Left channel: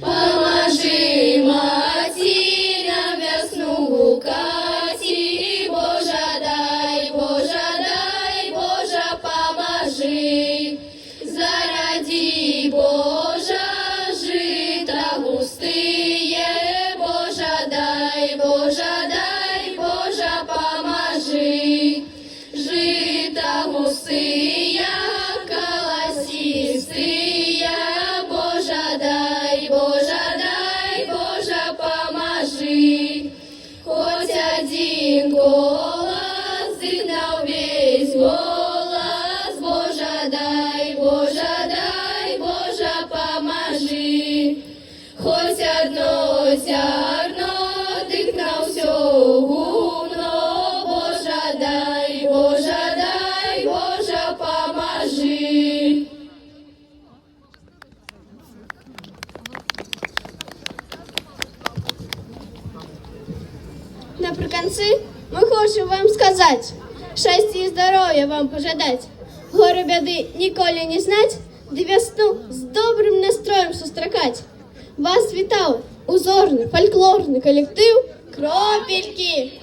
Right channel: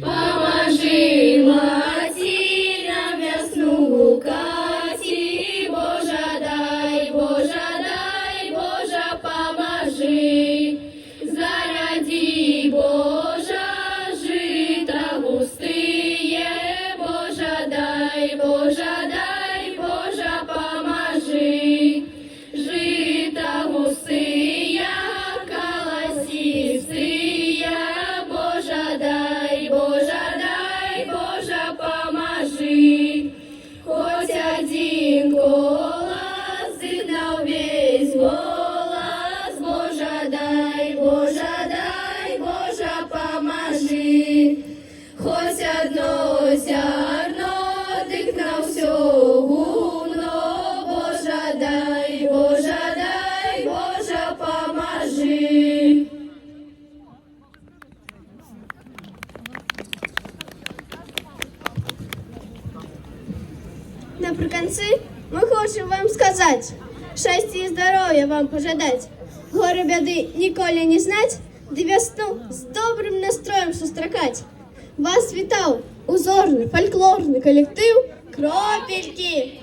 Поможи, маті, на весну гукати, Божа дай, Божа, поможи. Заради Божа, жита густые, Божа дай, Божа, поможи. Жита густые, колосистые, Божа дай, Божа, поможи. Хоть один голос, изгнал весь голос, Божа дай, Божа, поможи. Хоть одно зерно, дыхнал все гумно, Божа дай, Божа, поможи. Наприкінці ми хочемо вам сказати, щастя і здоров'я вам пожадать, горі бяди ніколи не знать, де весну з добрим настроєм зустрікать. Вас вітав узорний фольклорний колектив «Кропельки».